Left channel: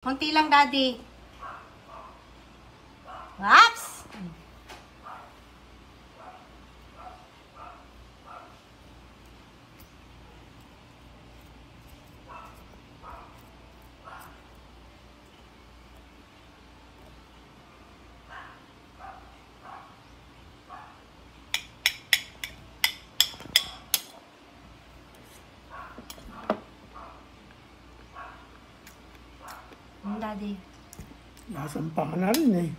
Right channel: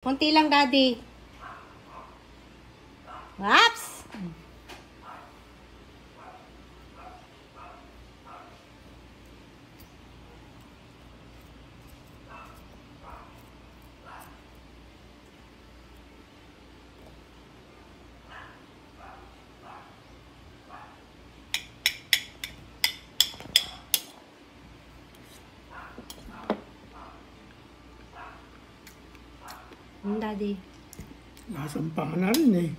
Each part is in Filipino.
Konti lang, Daddy. Max! Daddy. Nasampang na rin eh.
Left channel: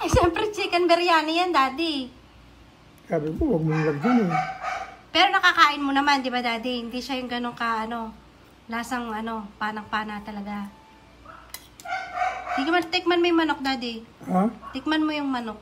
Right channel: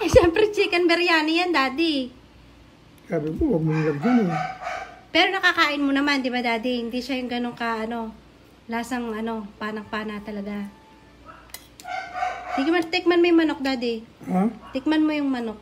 Eh, siyempre chicken biryani yan, Daddy. Sabi ko, huwag mong lagyan eh. Pero nakakain mo naman, di ba, Daddy? Hindi siya yung ganun ka, lasang, panang-pana talaga. Tikman mo yung manok, Daddy. Ha? Tikman mo yung manok.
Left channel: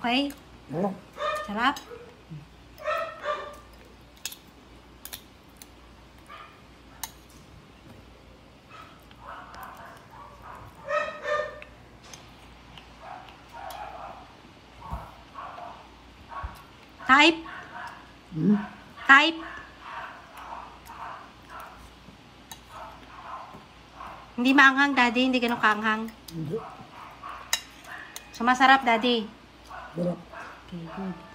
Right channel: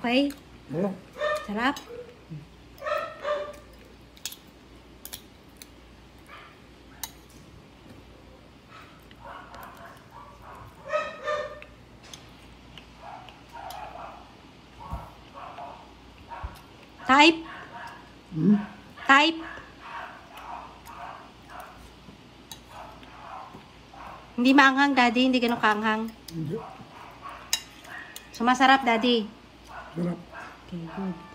Okay? Oo. Sarap? Type? Type? Hindi maanghang, Daddy. Hindi ganun kaanghang. Hindi. So, masarap, Daddy. Sarap. Okay, good.